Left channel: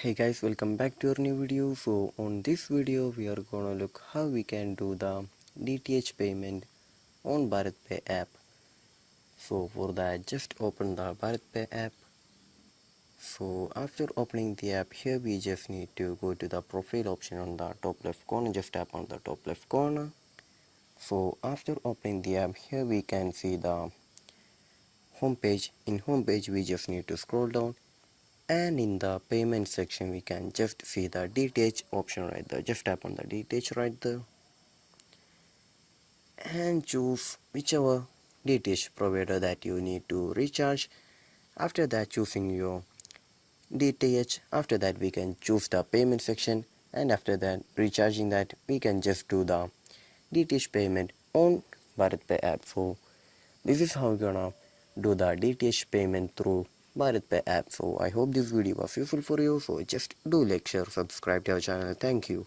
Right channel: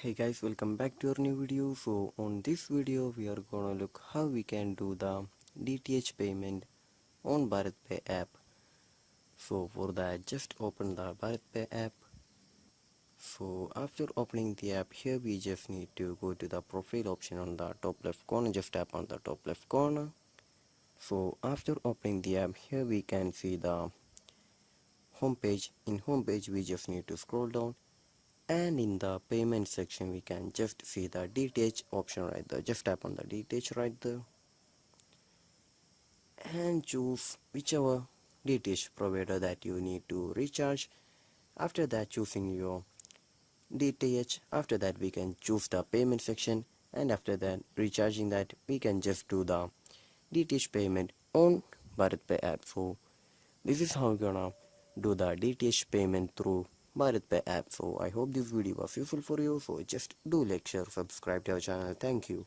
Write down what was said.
Hey guys, welcome back to our new video. So on this video we are gonna look how we can do the DTH payment on Bharatpe app. So for that, just open the Bharatpe app. So after opening the app, here we just need to go to the profile option on the top left corner. Just tap on the top left corner. So after opening the app, here we can see the home page. In home page we just need to scroll down, and in the payment section we can just see the DTH option right there. Just tap on the DTH right there and choose whichever DTH provider that you need to recharge. After that, choosing your DTH, after that we can choose the payment section, and after that recharging that we can just do the DTH payment on Bharatpe app. So this is how you're gonna do the DTH payment through Bharatpe app. So I hope this video was useful for you. So just do like, share, subscribe to our channel. Thank you.